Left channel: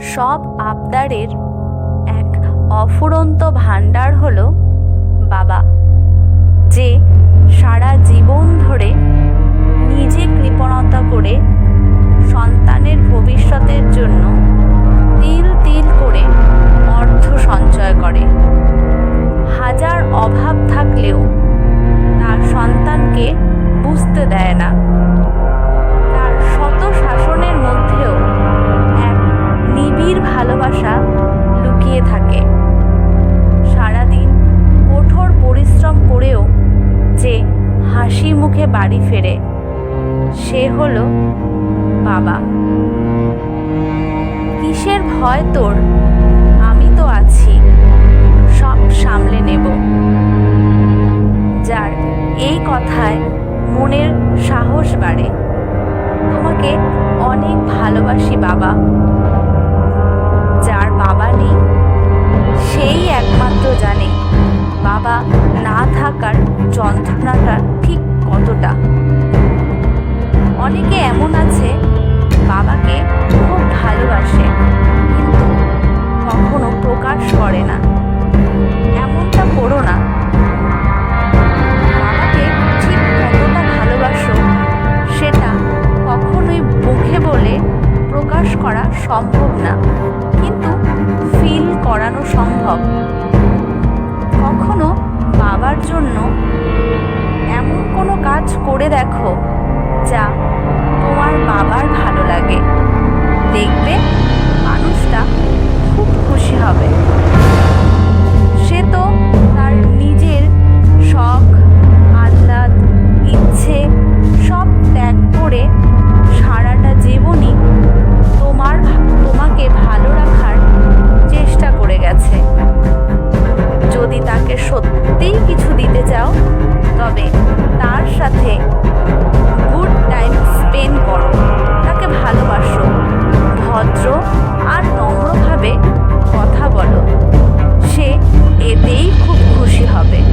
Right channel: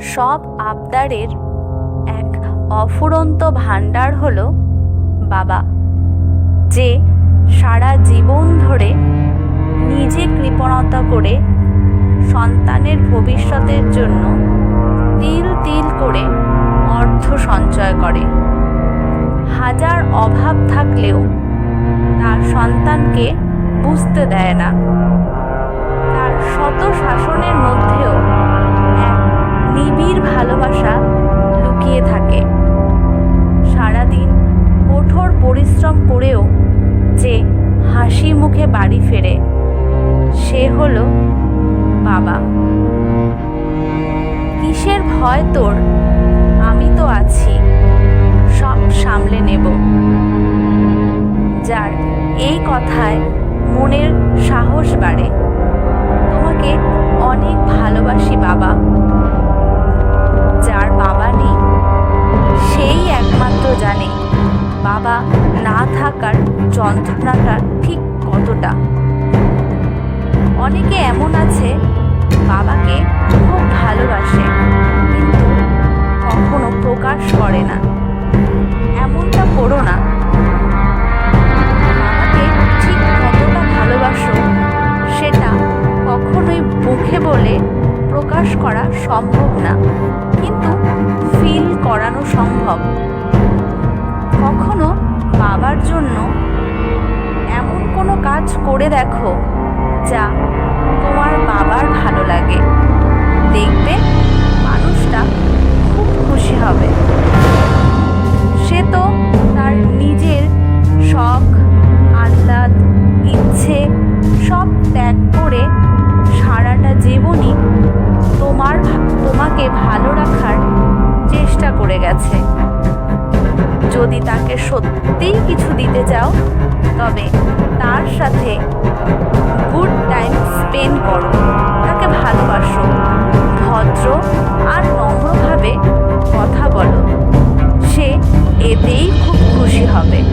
সব আবদারের এক অফুরন্ত ভাণ্ডার হল বাবা, যে সারা জীবন ধরে নিজে কৃপণতা করে সন্তানের ভবিষ্যতের জন্য তিল তিল করে অর্থ সঞ্চয় করে। হাজার অভাব থাকলেও তার সন্তানকে বুঝতে দেয় না। ভালোবাসা লুকিয়ে থাকে। সারাদিন কঠোর পরিশ্রম করেও যে হাসি মুখে বাড়ি ফেরে, সে হলো বাবা। কিসের ভয় তোর? আমি তো আছি, সব সামলে নেব। যার এই কথায় মনের সাহস বাড়ে। তোমাকে অনেক ভালোবাসি বাবা। বাবা নেই। সেই একমাত্র জানে বাবা না থাকার যন্ত্রণাটা ঠিক কতটা। অনেকে এমন আছে, বাবাকে খুব ভালোবাসে, কিন্তু কখনো প্রকাশ করে না। এমনটা করো না। বাবাকে ঠিক কতটা ভালোবাসো, সেটা কখনোই মুখে বলে প্রকাশ করা সম্ভব না। কিন্তু ফিল করানো সম্ভব। কখনো বাবার জন্য এমন কোনো কাজ করে দেখো যা তোমার বাবার ভালো লাগে। দেখবে মানুষটা খুব খুশি হবে। সারাটা জীবনই তোমার, তোমাকে ভালো রাখার চেষ্টা করে গেছে। যদি তাকে সত্যিই কিছু দিতে চাও, তবে তার সাথে গুড টাইম স্পেন্ড করো। তাকে ভালোবাসো, ভদ্র আর নম্রভাবে কথা বলো। সে এতেই খুব খুশি হবে।